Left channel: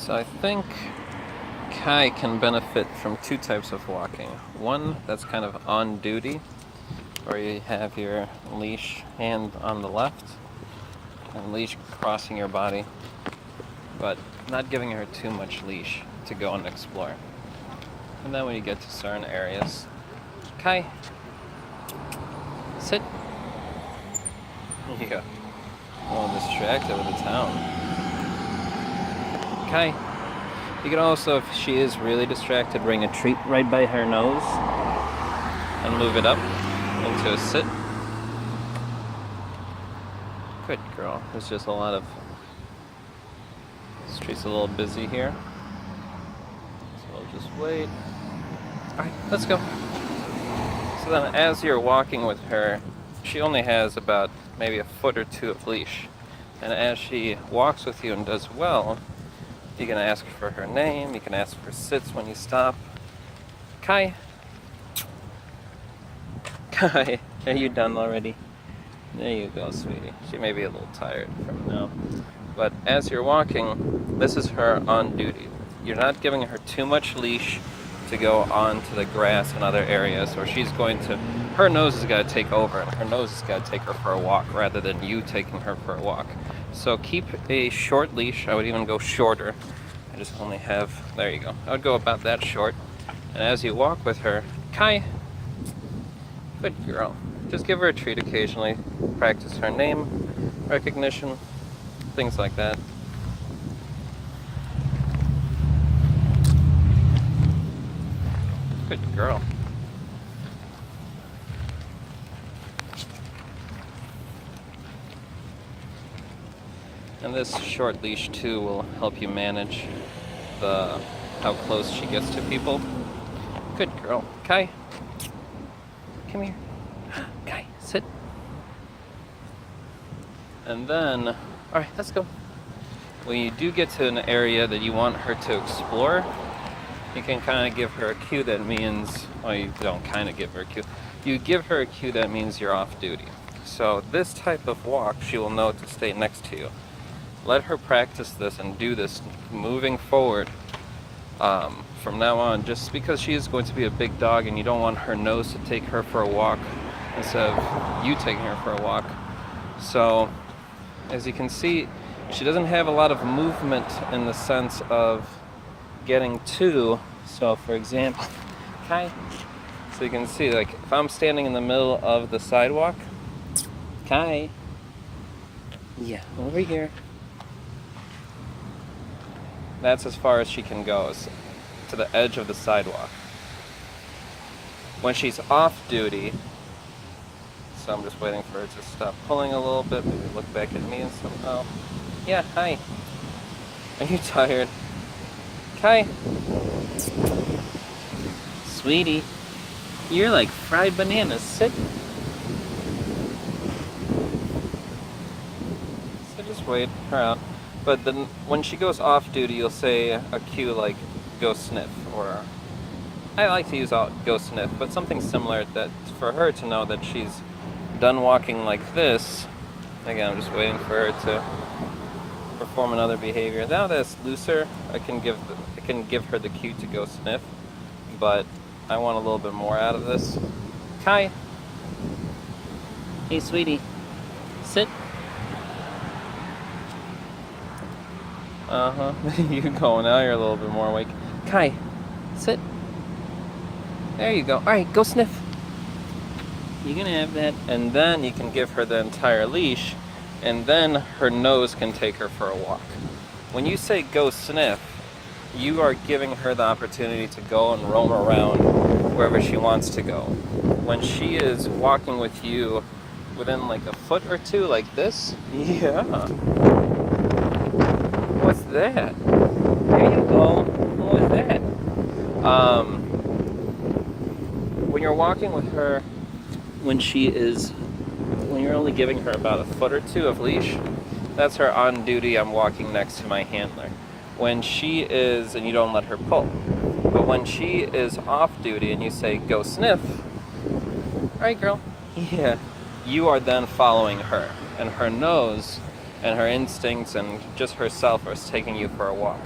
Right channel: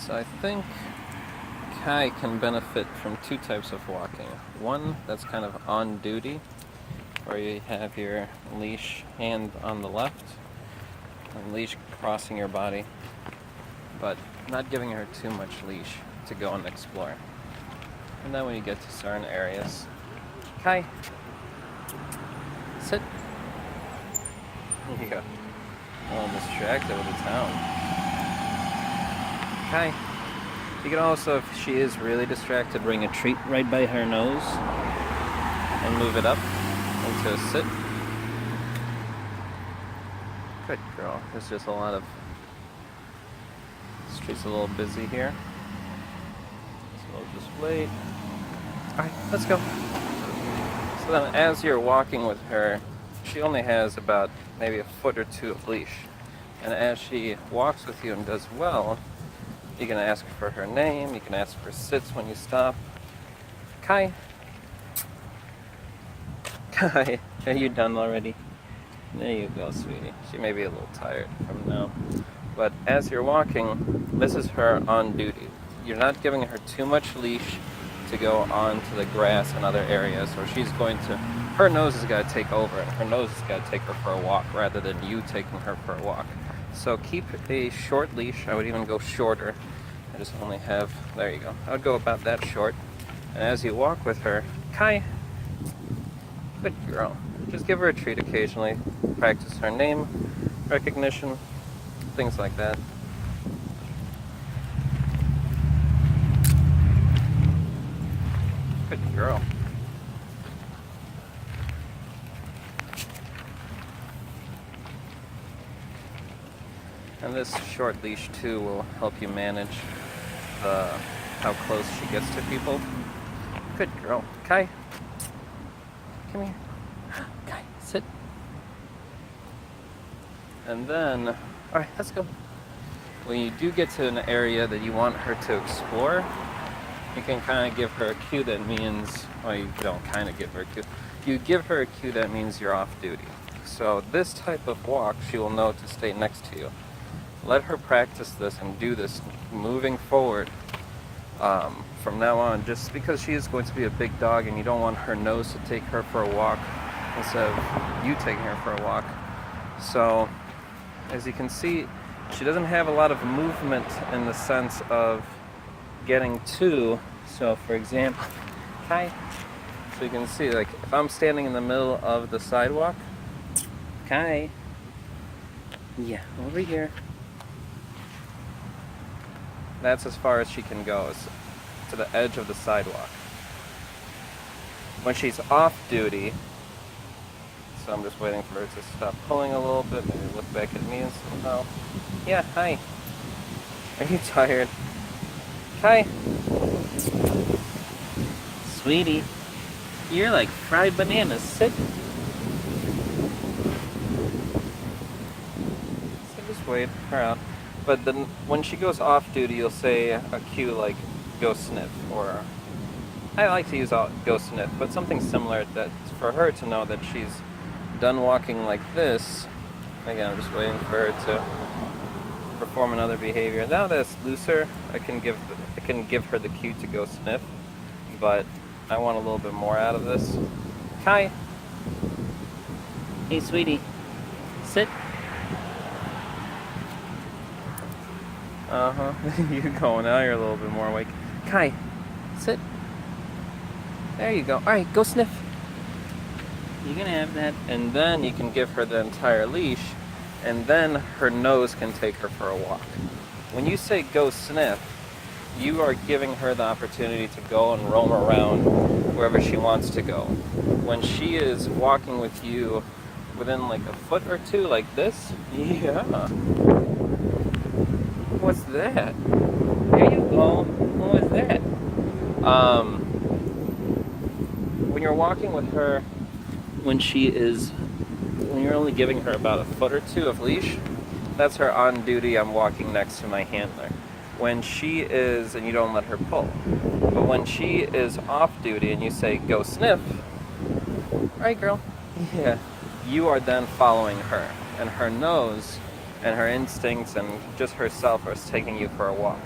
So I think Kai can benefit from two types of walking. One that's kind of on duty, where you have your leash hand on the left and leash crossing your body, but not giving her too much leash to go and explore. And then when you get to certain areas, Kai, sit. Yeah, a little distracted with the town. Kai. You can also, if she is really distracted, bring a treat right by her nose and move it up into a sit. Good girl. There's just a lot of... The street's a little busy here. So I'll just wait. Alright, let's go. So then as you're walking with her, she only has about maybe a foot or two of leash. And as she walks with you and does well, you can ask for her name, you can ask for sits when you stop. Kai. Kai, are you done already? There you go, sweetie. She may be a little tired from now. But as you're walking, this is her on duty. You're not giving her too much leash to go onto the grass and other areas, or she's going to... Her nose has got to take over. Her nose has got to take her for a walk rather than you taking her for a walk. So keep a short leash. I would even go shorter. I just only have... There you go. I would go about that short. And as you walk with her, Kai. Good girl. Just give her a treat occasionally. Practice her name, recognition, things like that. Good girl. And this short leash too will help you manage how close she gets to people. Good girl. Kai. Come here. Kai, sit. And then, alright, let's go. When you do get to an area that you want her to explore, you can kind of give her a cue that means, well, you don't kind of give her a cue. You give her a cue that means you're off duty. So this type of walk, she will know to stay next to you. Let her practice this and do this moving forward from now on, just because she is going to be a big dog and you don't want her nose to take her for a walk instead of you taking her for a walk. So, as you can see, she doesn't have a lot of movement in the sense of getting to. So, for example, Kai. So you can see, like, if I'm standing in the middle of the sidewalk, Kai. Yeah, over here. That's as far as she can go, to the edge of the sidewalk. When she's off duty, so I'm just waiting for her to stop pulling a little bit, maybe look back at me somehow. Yeah, hi. Are you tired? Hi. Sweetie, you're like fried bananas. Sit. So just wait her out. But then when she goes off duty, you'll say a cue like go sniff, or I like to use go sniff, but something similar that for her to know that she's done walking like this. Again, I'm just waiting for her to perform another behavior. Now that it's looser, I can give her the cue to go sniff, but I want a little bit more out of this. Kai. Hey, sweetie. Sit. Uh-huh. You're going now. You're a little bit more awake. Kai, sit. There you go. Alright, go sniff. You can have that. And then you can give her the entire leash, and then her nose can take her for a walk. When you say go sniff, you are giving her the opportunity to go and roam around wherever she wants to go. When she is walking with you within like a foot or two like this, yeah. What's that? There you go. What was that? When you're walking with her, when you're only giving her about a foot or two of leash, that's her on duty. I'm walking next to my handler. When she is, and you don't let her pull. But when she is off duty and you say, go sniff, all right, girl. Yeah. You are then following her, and her nose and her instincts and just herself are taking you for a walk.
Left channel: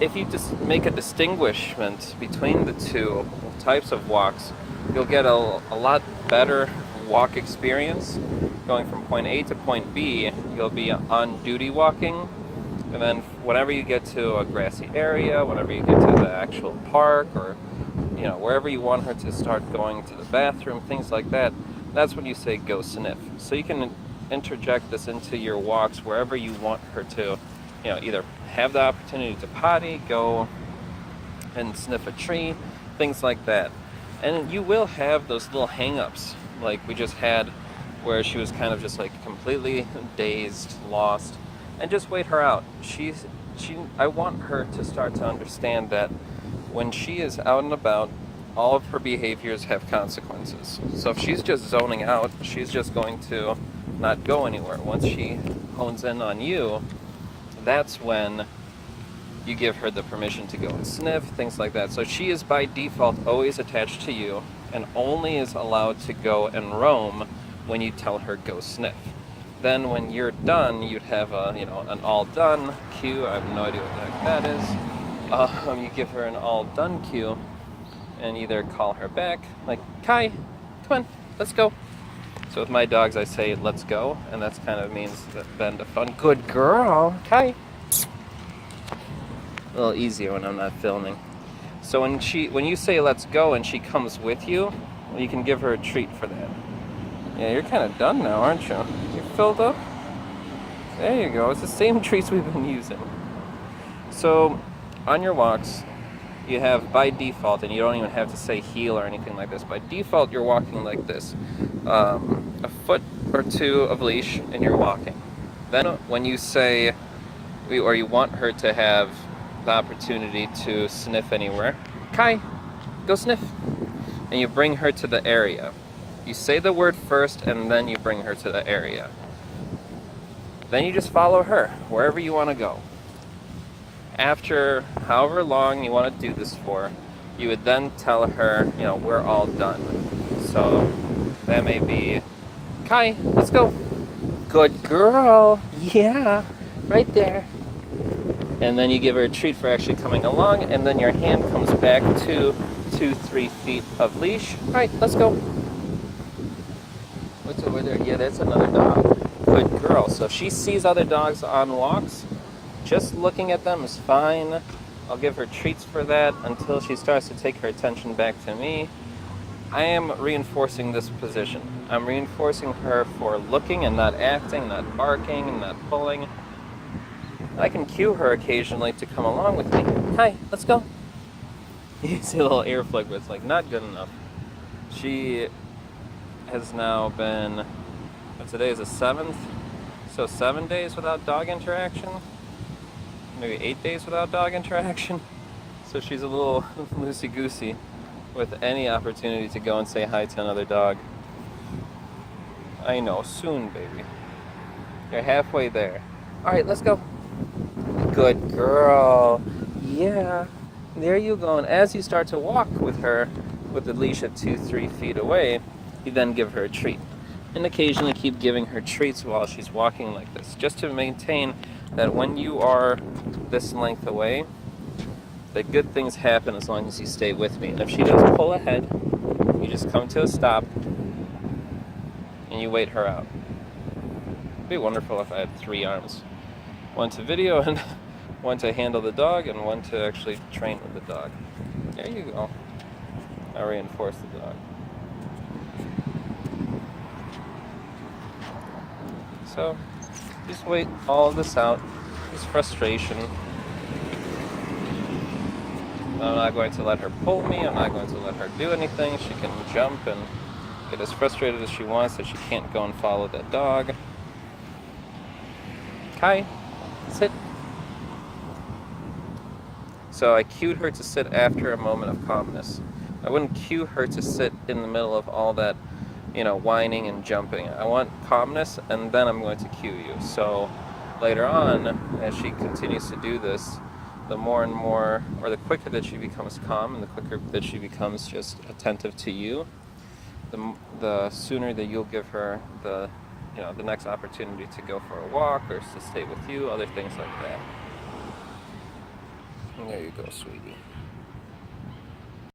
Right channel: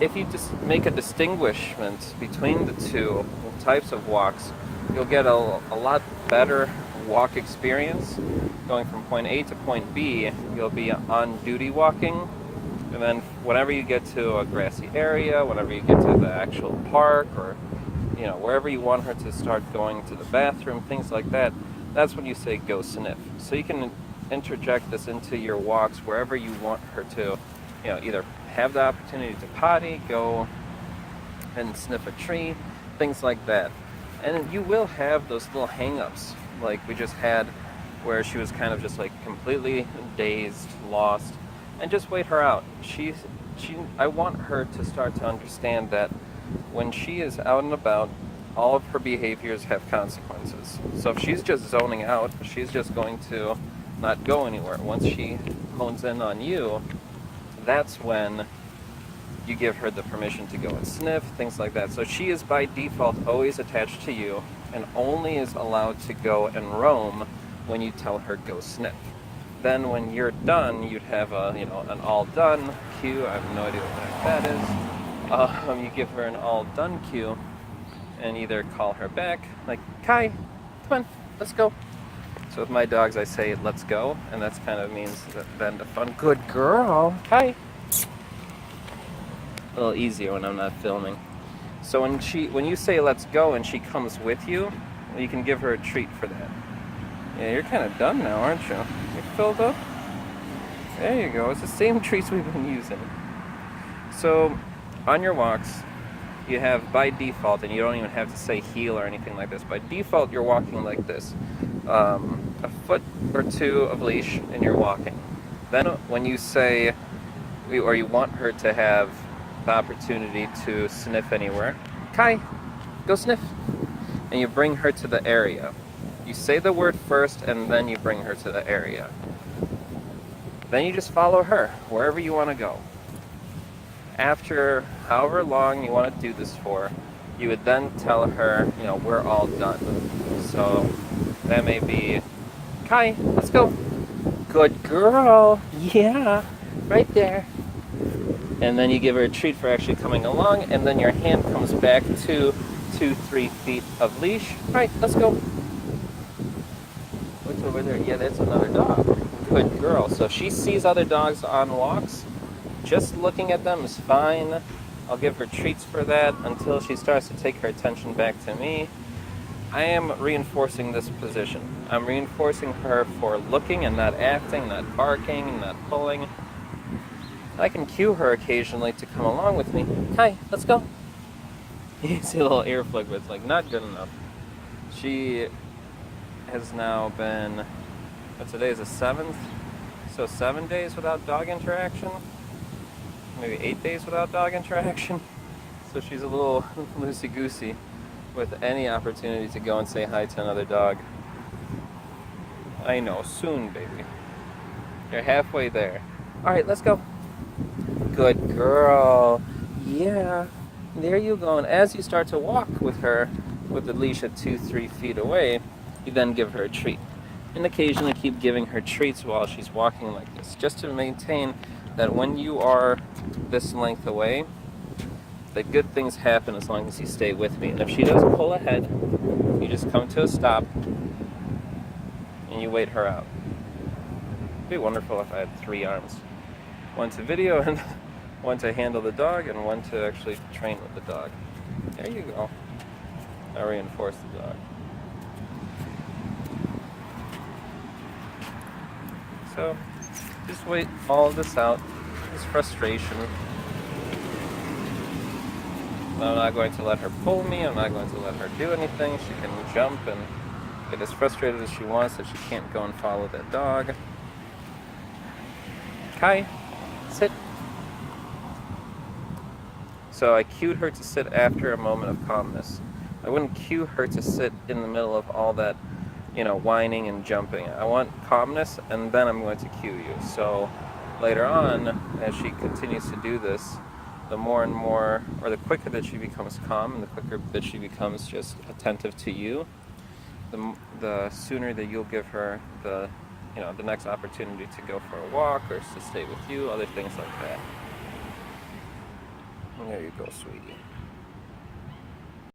if you just make a distinguishment between the two types of walks, you'll get a lot better walk experience. Going from point A to point B, you'll be on duty walking, and then whenever you get to a grassy area, whenever you get to the actual park, or wherever you want her to start going to the bathroom, things like that, that's when you say go sniff. So you can interject this into your walks wherever you want her to, either have the opportunity to potty, go and sniff a tree, things like that. And you will have those little hang-ups like we just had, where she was kind of just like completely dazed, lost, and just wait her out. I want her to start to understand that when she is out and about, all of her behaviors have consequences. So if she's just zoning out, she's just going to not go anywhere. Once she hones in on you, that's when you give her the permission to go and sniff, things like that. So she is by default always attached to you and only is allowed to go and roam when you tell her go sniff. Then when you're done, you'd have an all done cue. I have no idea what that is. You give her an all done cue and either call her back, like, Kai, come on, let's go. So with my dogs, I say, let's go, and that's kind of means that then the fun, good girl, Kai. A little easier when I'm not filming. So when you say let's go and she comes with you, you can give her a treat for that. Yeah, you're kind of done now, aren't you? You're filled up? There you go, it's the same treats we've been using. So on your walks, you have by default, and you don't even have to say heel or anything like this, by default you're walking like this. A foot or two of leash and you're walking. Then when you say, or you want her to have the opportunity to sniff anywhere, Kai, go sniff. And you bring her to the area. You say the word first and then you bring her to the area. Then you just follow her wherever you want to go. After however long you want to do this for, you would then tell her, we're all done. So that may be, Kai, let's go. Good girl. Yeah, right there. And then you give her a treat for actually coming along, and then your hand comes back to 2-3 feet of leash. All right, let's go. What's over there? Yeah, that's another dog. Good girl. So if she sees other dogs on walks, just looking at them is fine. I'll give her treats for that until she starts to take her attention back to me. I am reinforcing this position. I'm reinforcing her for looking and not acting, not barking, not pulling. I can cue her occasionally to come along with me. Hi, let's go. You see a little ear flick, but it's like not good enough. She has now been, today is the 7th, so 7 days without dog interaction. Maybe 8 days without dog interaction. So she's a little loosey-goosey with any opportunity to go and say hi to another dog. I know, soon, baby. You're halfway there. All right, let's go. Good girl. Yeah. There you go. And as you start to walk with her, with the leash at 2-3 feet away, you then give her a treat. And occasionally keep giving her treats while she's walking like this, just to maintain that when you are this length away, that good things happen as long as you stay with me. And if she does pull ahead, you just come to a stop and you wait her out. It'd be wonderful if I had 3 arms. One to video and one to handle the dog and one to actually train with the dog. There you go. I reinforce the dog. So, just wait all of this out. Just frustration. I'm not going to let her pull me. I'm not going to let her do anything. She can jump and get as frustrated as she wants that she can't go and follow that dog. Hi, sit. So I cued her to sit after a moment of calmness. I wouldn't cue her to sit in the middle of all that, whining and jumping. I want calmness, and then I'm going to cue you. So later on, as she continues to do this, the more and more, or the quicker that she becomes calm, and the quicker that she becomes just attentive to you, the sooner that you'll give her the next opportunity to go for a walk or to stay with you, other things like that. There you go, sweetie.